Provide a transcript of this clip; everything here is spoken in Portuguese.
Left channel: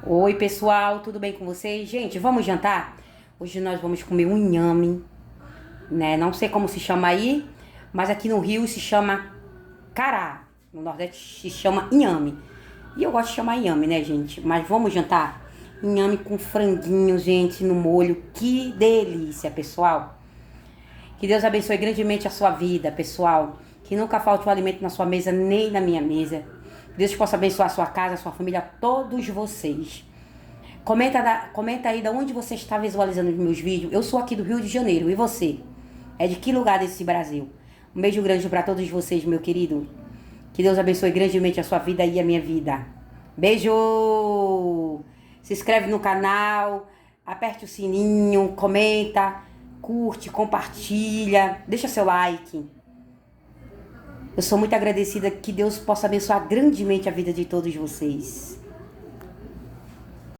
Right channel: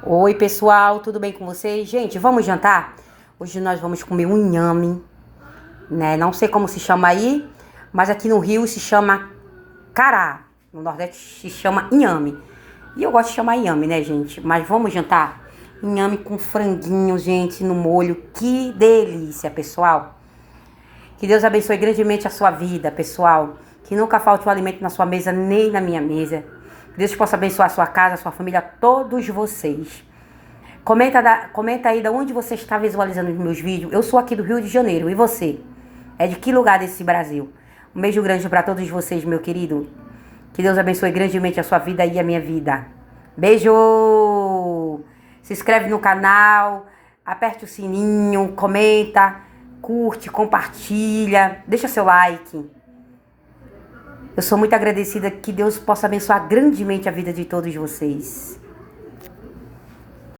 Oi, pessoal, tudo bem com vocês? Gente, vamos jantar? Hoje nós vamos comer um inhame, né? Não sei como se chama aí, mas aqui no Rio se chama cará. No Nordeste se chama inhame. E eu gosto de chamar inhame, né, gente? Mas vamos jantar? Inhame com franguinho, gente, no molho. Que delícia, pessoal. Que Deus abençoe grandemente a sua vida, pessoal. Que nunca falte o alimento na sua mesa, nem na minha mesa. Que Deus possa abençoar a sua casa, a sua família, todos vocês. Comenta aí de onde você está visualizando os meus vídeos. Eu sou aqui do Rio de Janeiro. E você? É de que lugar desse Brasil? Um beijo grande para todos vocês, meu querido. Que Deus abençoe grandemente a sua vida e a minha vida. Beijo! Se inscreve no canal, aperte o sininho, comenta, curte, compartilha, deixa seu like. Eu sou muito agradecida que Deus possa abençoar grandemente a vida de todos vocês.